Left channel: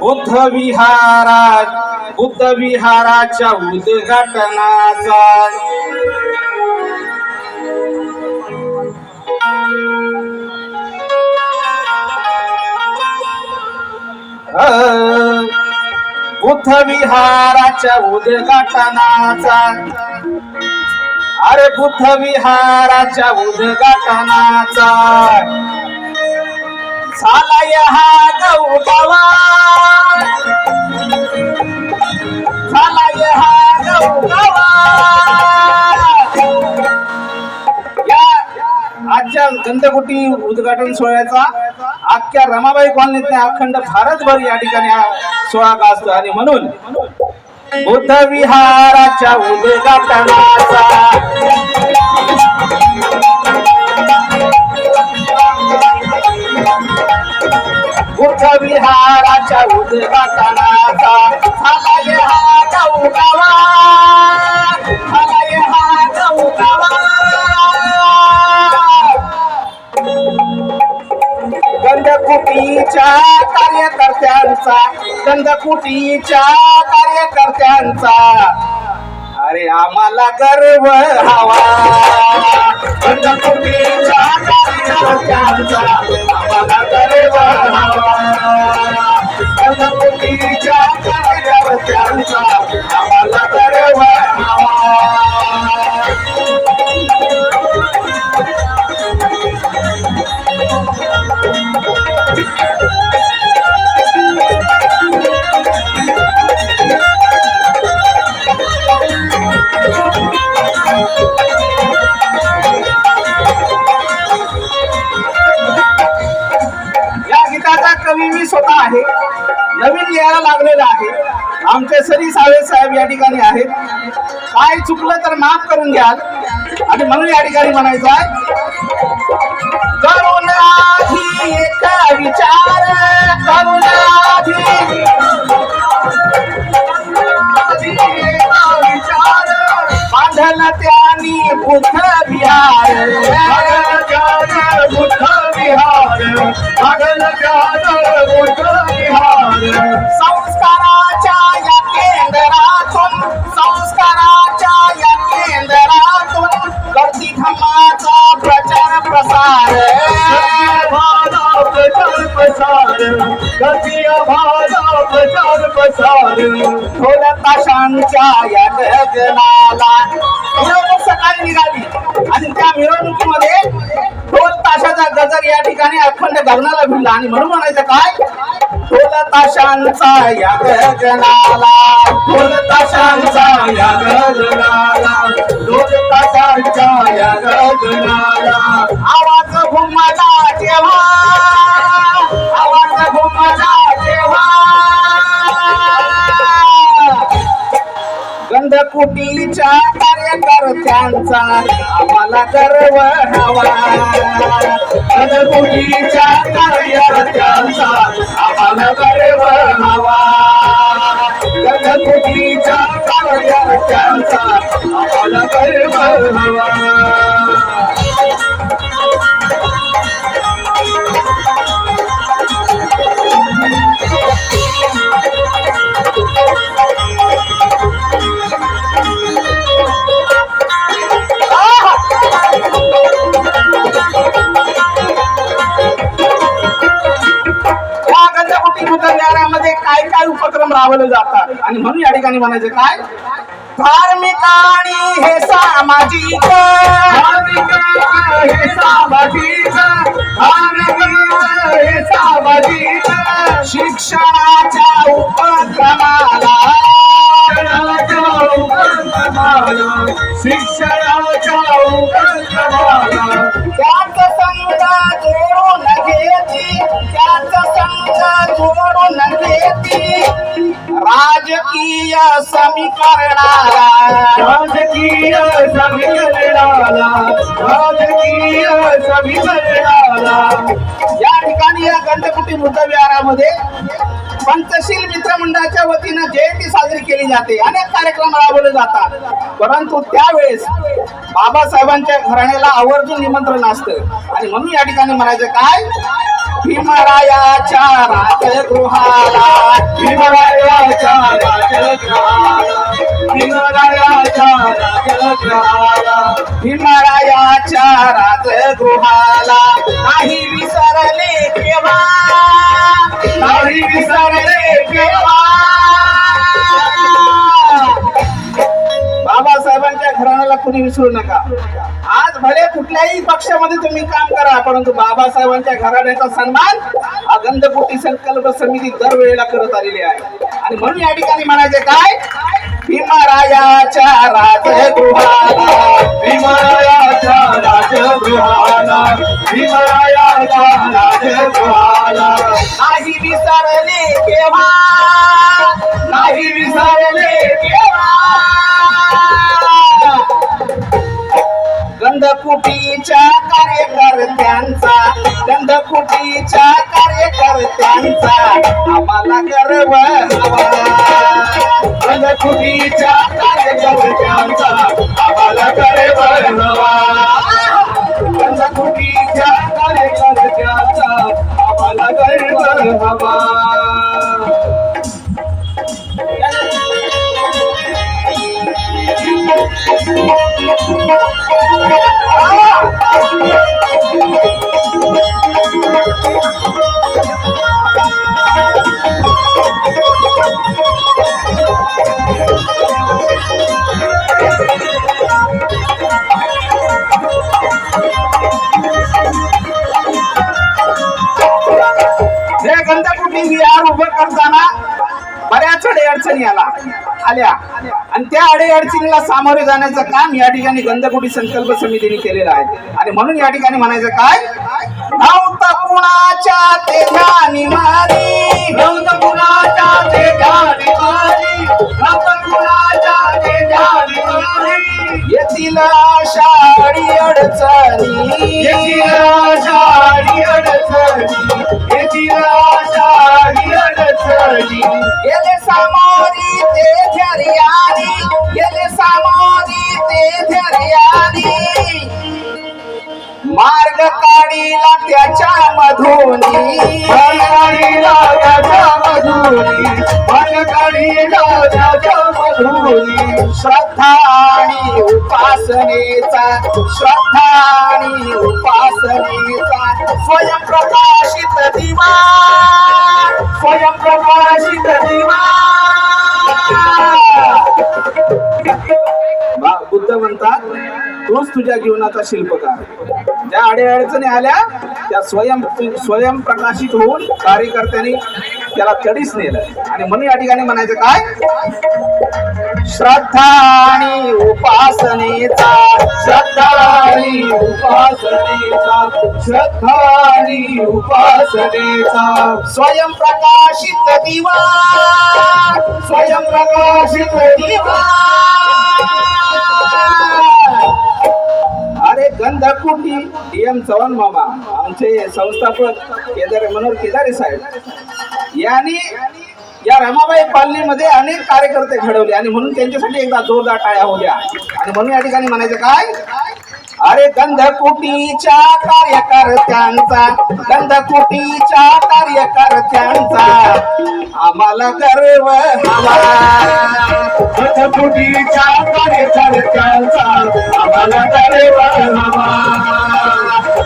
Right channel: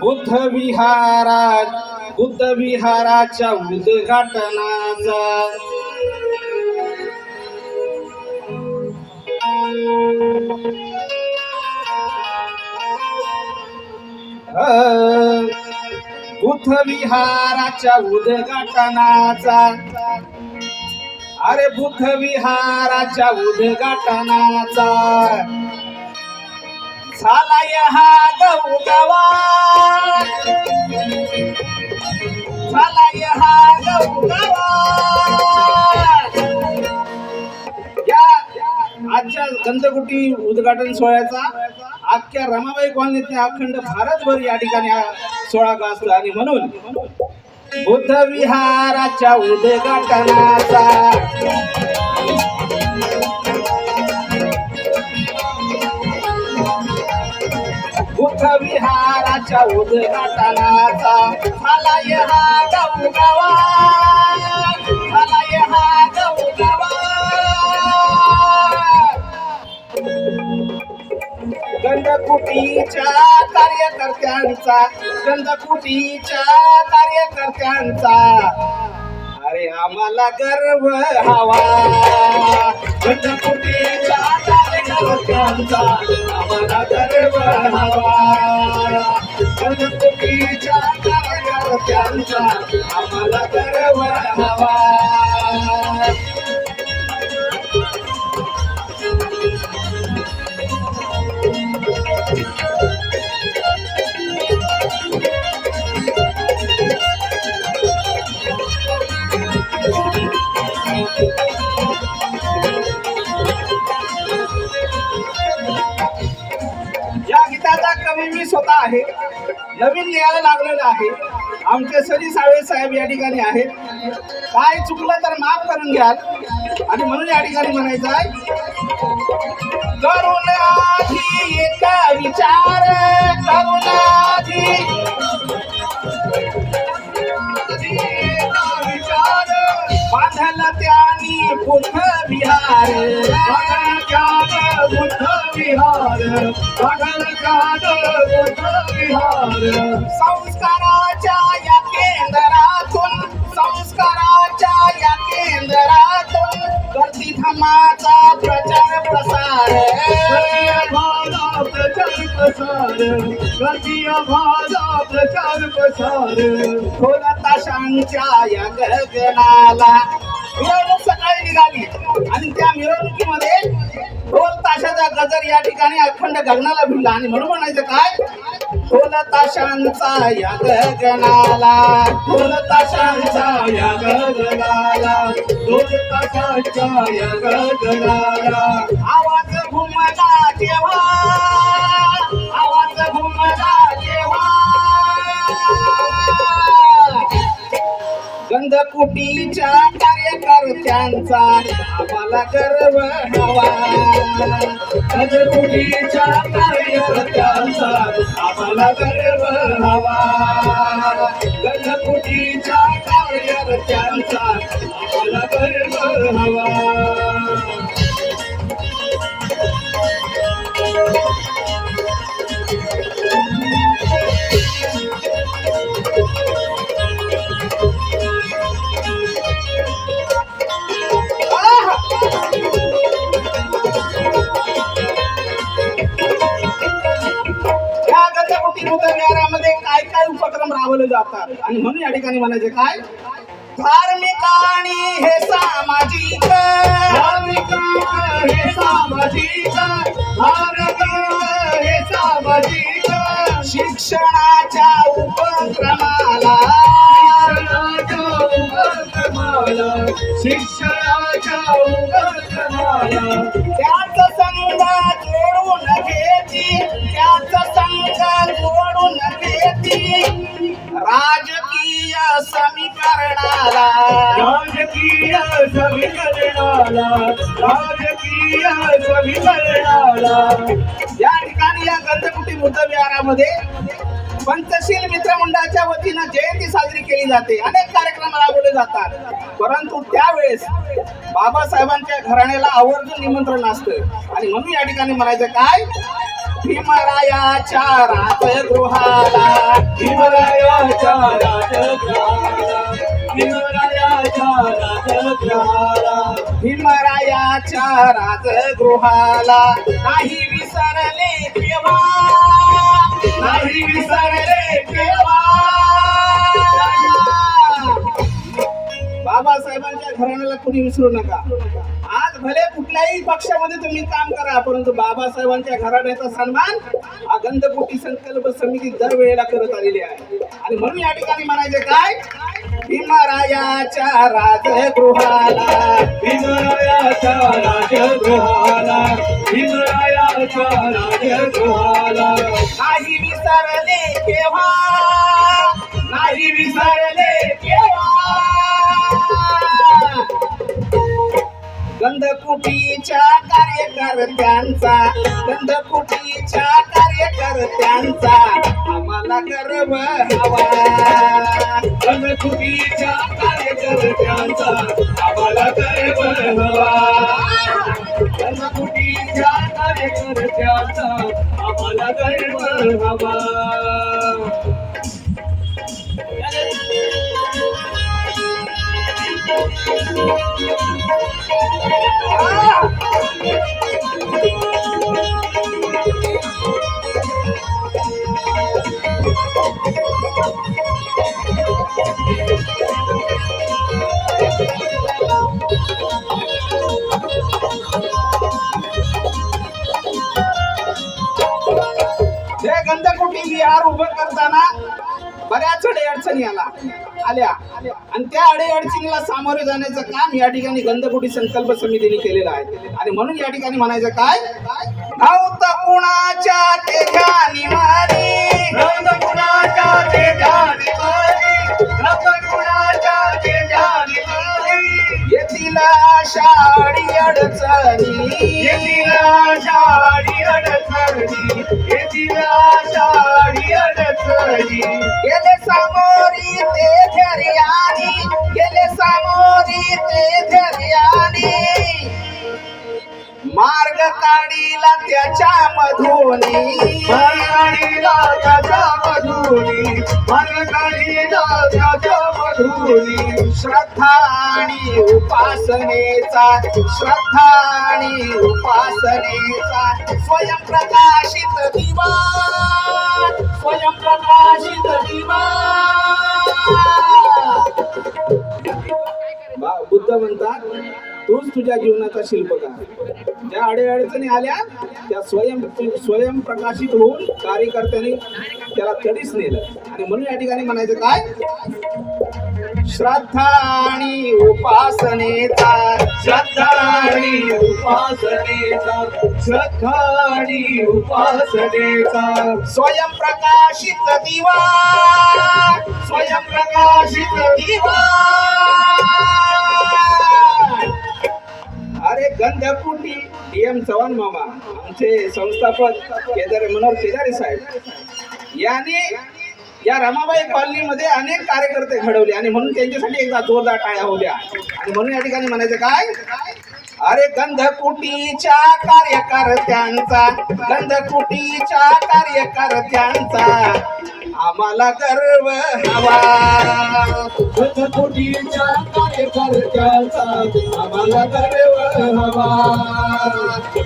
बुद्ध विहारात बुद्ध विहाराच्या उद्घाटनाचा बुद्ध विहाराच्या उद्घाटनाचा. अरे बुद्ध विहाराच्या उद्घाटनाचा. झालाय हा गौगावा झालाय हा गौगावा या आजच्या गंधकुटी उद्घाटन सोहळ्याचा अख्ख्या रमाबाई कॉलनीत अखंड भारतभर या ठिकाणी हा सोहळा गाजतो आणि म्हणून बुद्ध विहाराच्या उद्घाटनाचा विहाराच्या उद्घाटनाचा हा गौगावा झालाय हा गौगावा गंधकुटीच्या कार्यकर्त्यांचा गंधकुटीच्या कार्यकर्त्यांचा. अरे आम्हाला गर्व हवा. गंधकुटीच्या कार्यकर्त्यांचा आम्हाला गर्व या कवी मी स्वतः आहे. नवीन लिहायला लागलेला आहे. आमचे सरी साळे साहेब या ठिकाणी आहेत. काय चुकलं तर माफ करून घ्याल. आणि म्हणून या ठिकाणी म्हणायचं आहे. करून आधी एक विचार करून विचार. बांधल त्यानी बुद्ध विहार ताशांच्या या गगनाला मिरवणूक सकाळी निघाली आणि त्या मिरवणुकीमध्ये ढोल ताशाचा गजर या ठिकाणी अखंड गगनाला भिडला आणि म्हणून म्हणायचं काय ढोल ताशांचा या गगनाला ढोल ताशांचा या गगनाला ढोल तासांच्या या गगनाला आवाज घुमला तेव्हा गंधकुटीच्या कार्यकर्त्यांचा आम्हाला गर्व हवा. गणकुटीच्या कार्यकर्त्यांचा आम्हाला गर्व हवा. गणकुटीच्या कार्यकर्त्यांचा आम्हाला गर्व हवा. काही काय उपक्रम राबवले जातात? आणि म्हणून या ठिकाणी म्हणायचं काय? धार्मिक आणि हे सामाजिक. हे सामाजिक. हे सामाजिक. शिक्षणाच्या उपक्रमाला. शिक्षणाच्या उपक्रमाला. राजकीय समीकरणाला. राजकीय समीकरणाला. राजकीय समीकरणाला. या ठिकाणी या गंधकुटी बुद्ध विहारामध्ये पंचशील मित्र मंडळाच्या वतीनं जयंती साजरी केली जाते. अनेक कार्यक्रम राबवले जातात. परंतु त्यावेळेस बाबासाहेबांच्या घराण्याला आवर्जून निमंत्रण असतं. आणि म्हणून या ठिकाणी म्हणायचं काय? भीमरायाच्या राजगृहाला. हिमालयाच्या राजग्रहाला हिमालयाच्या राजग्रहाला भीमरायाच्या राजगृहाला. नाही विसरले केव्हा? नाही विसरले केव्हा? बाबासाहेबांच्या घराण्याला कुणी विसरू नका. कुठल्याही पक्षामध्ये तुम्ही काम करा परंतु बाबासाहेबांच्या घराण्याचा सन्मान हा संकल्प समिती दरवेळेला करत आलेली आहे. आणि म्हणून या ठिकाणी म्हणायचे काय? भीमारायाच्या राजगृहाला भीमरायाच्या राजगृहाला कुटीच्या कार्यकर्त्यांचा गंध कुटीच्या कार्यकर्त्यांचा आम्हाला गर्व हवा. कुटीच्या कार्यकर्त्यांचा आम्हाला गर्व उभं करताना बऱ्याच अडी अडचणी आला आल्या. आणि त्या अडी अडचणीला सामोरे जाण्याचं काम या ठिकाणी गंधकुटी संकल्प समितीने केलेलं आहे. आणि म्हणून या ठिकाणी म्हणायचं काय? नव्हता कुणाच्या ते ध्यानी मारी. नवत कुणाच्या ते ध्यानी मारी. नवत कुणाच्या ते ध्यानी मारी. येथील आषाढी अडचणी. येथील आषाढी अडचणी. येथील आषाढी अडचणी. गेले सामोरी काढीला त्याच्या मधुनी. मार्गाडीला त्याच्या मधुरी मार्गाडीला त्याच्या मधुरी श्रद्धा आणि उपासनेचा श्रद्धा आणि उपासनेचा स्वयंप्रकाशित दिवा. स्वयंप्रकाशित दिवा. बुद्ध म्हणतात तूच तुझ्या जीवनाचा शिल्पकार. ज्या अडीअडचणी आल्या त्या स्वयं स्वयंप्रकाशित होऊन कार्यकर्त्यांनी त्याला तडीस नेलं आणि म्हणून या ठिकाणी म्हणायचं काय? श्रद्धा आणि उपासनेचा श्रद्धा आणि उपासनेचा श्रद्धा आणि उपासनेचा. स्वयंप्रकाशित दिवा स्वयंप्रकाशित दिवा. गंधकुटी डी एम चव्हाण मामा आमचे संस्थापक केदार मनोहर केदारे साहेब. यांनी या रमाबाई पालनीमध्ये अनेक कार्यकर्ते घडवले आणि म्हणून त्यांच्यासाठी एकदा जोरदार टाळ्या होत्या. आणि म्हणून या ठिकाणी म्हणायचं काय? अरे गंधकुटीच्या कार्यकर्त्यांचा गंधकुटीच्या कार्यकर्त्यांचा. आम्हाला गर्व हवा. गंधकुटीच्या कार्यकर्त्यांचा आम्हाला गर्व हवा.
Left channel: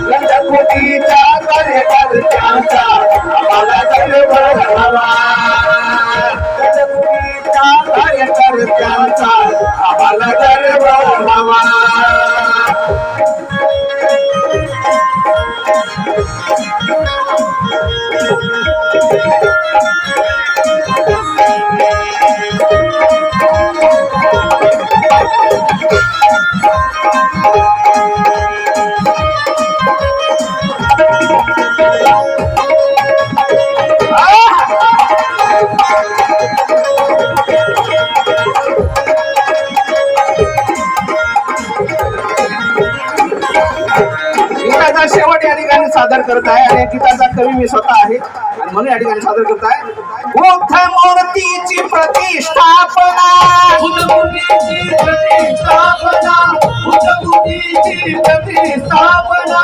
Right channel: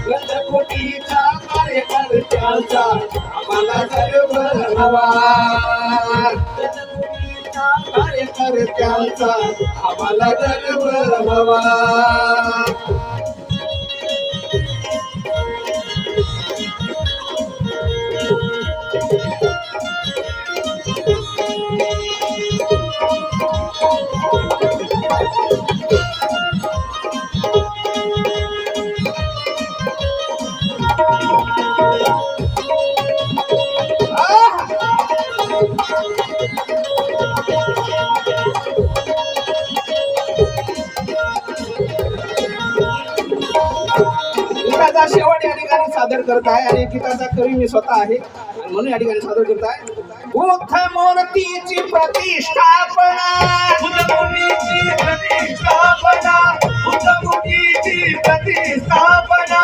गंधकुटीच्या कार्यकर्त्यांचा शेवट या ठिकाणी सादर करत आहे आणि गीताचा कवी मी स्वतः आहे. म्हणून या ठिकाणी सादर करत आहे बुद्ध मूर्तीची प्रतिष्ठापना बुद्धमुनीची प्रतिष्ठापना बुद्धमुनीची प्रतिष्ठापना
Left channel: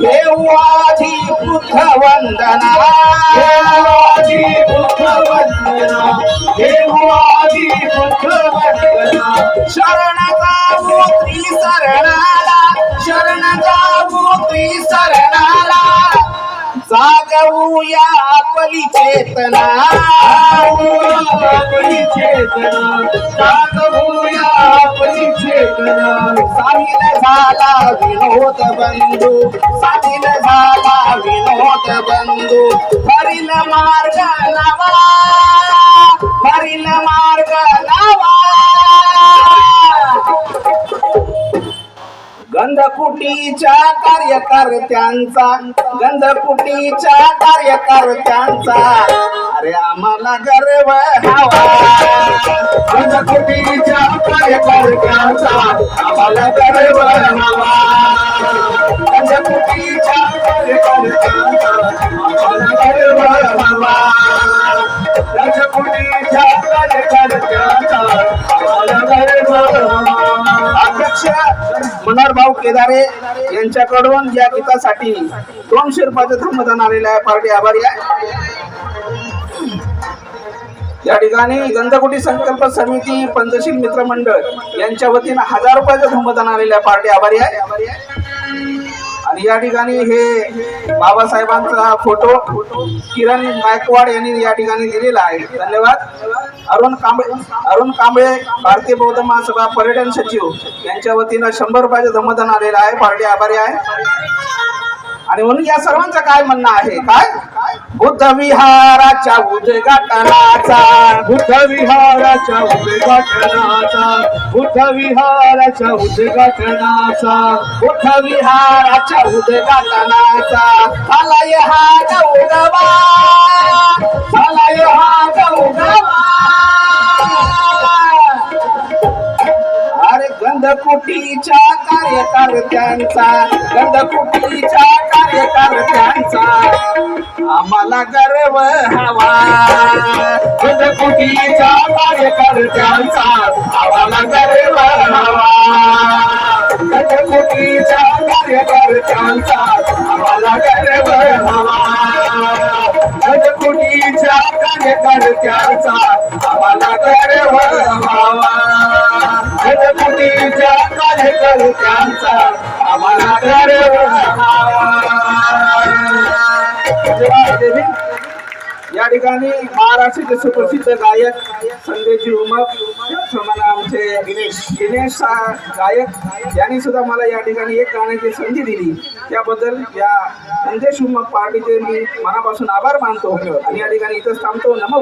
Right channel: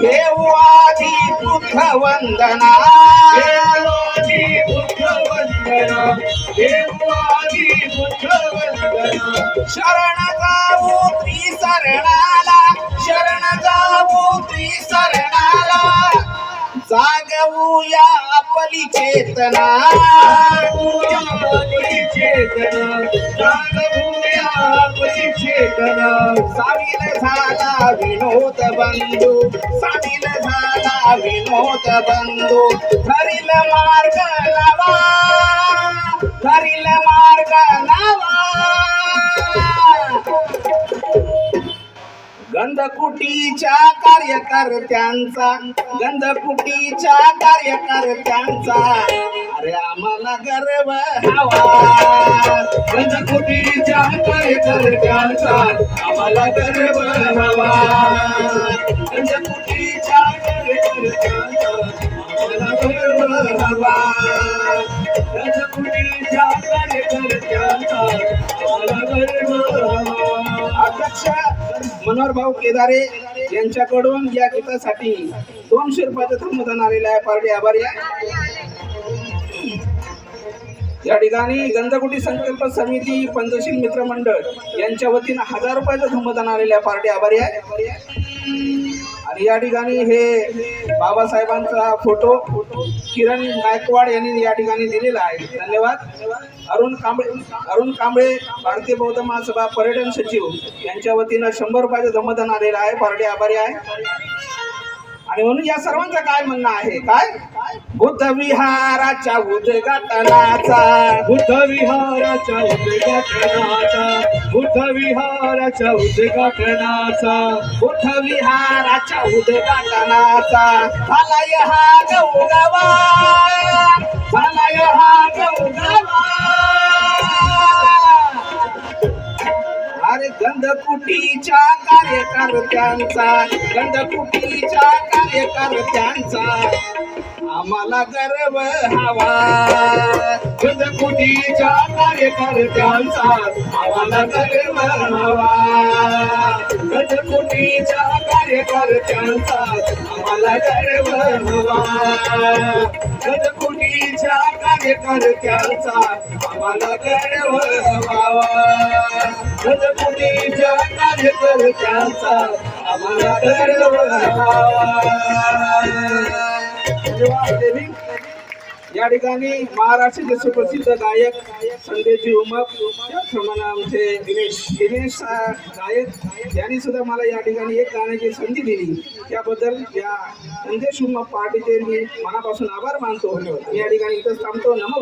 देऊ आधी बुद्ध वंदना देवादी बुद्ध वंदना देवादी बुद्ध वंदना शरण जाऊ त्रिसरणाला शरण जाऊ त्रिसरणाला जागवूया आपली चेतना. आपली चेतना. जागवूया आपली चेतना. सामील झाला विनोद बंधू. सामील झाला विनोद बंधू. हरिल मार्ग नवा. हरिल मार्ग गंधकुटीच्या कार्यकर्त्यांचा गंधकुटीच्या कार्यकर्त्यांचा. अरे आम्हाला गर्व हवा. पंचकुटीच्या कार्यकर्त्यांचा आम्हाला गर्व हवा. पंचकुटीच्या कार्यकर्त्यांचा आम्हाला गर्व हवा. पंचकुटीच्या कार्यकर्त्यांचा अध्यक्ष मनोहर भाऊ केदारे यांच्याकडून या गीतासाठी दोन शिरपाचे धर्मदान आलेलं आहे. पार्टी आभारी आहे. या ठिकाणी गंधकुटी संकल्प समिती पंचशील मित्र मंडळ यांच्या वतीनं हजार रुपयाचं धर्मदान आलेलं आहे. पार्टी आभारी आहे. आणि या ठिकाणी हे बाबासाहेबांचा फोटो किरण गायकवाड यांनी या ठिकाणी दिलेला आहे. धन्यवाद. अरुण कांबळे अरुण कांबळे भारतीय बौद्ध महासभा पर्यटन सचिव यांच्या वतीनं शंभर रुपयाचं धमदान आलेलं आहे. पार्टी आभारी आहे. आणि म्हणून या सर्वांचं काय म्हणणं आहे? काय? बुद्ध विहाराच्या उद्घाटनाचा. बुद्ध विहाराच्या उद्घाटनाचा बुद्ध विहाराच्या उद्घाटनाचा बुद्ध विहाराच्या उद्घाटनाचा. आलाय हा गौरवा आलाय हा गौरवा. अरे गंधकुटीच्या कार्यकर्त्यांचा गंधकुटीच्या कार्यकर्त्यांचा आम्हाला गर्व हवा. पंचकुटीच्या कार्यकर्त्यांचा आम्हाला गर्व हवा पंचकुटीच्या कार्यकर्त्यांचा आम्हाला गर्व हवा पंचकुटीच्या कार्यकर्त्यांचा आम्हाला गर्व हवा पंचकुटीच्या कार्यकर्त्यांचा आम्हाला गर्व धन्यवाद या ठिकाणी महाराष्ट्राचे सुप्रसिद्ध गायक संजयजी उमप त्याचप्रमाणे आमचे दिनेश दिनेश सा- गायक यांनी सुद्धा मला या ठिकाणी एक गाण्याची संधी दिली. त्याबद्दल त्या संदेश उमप पार्टीचे मी मनापासून आभार मानतो आणि या ठिकाणी इथंच थांबतो. नमो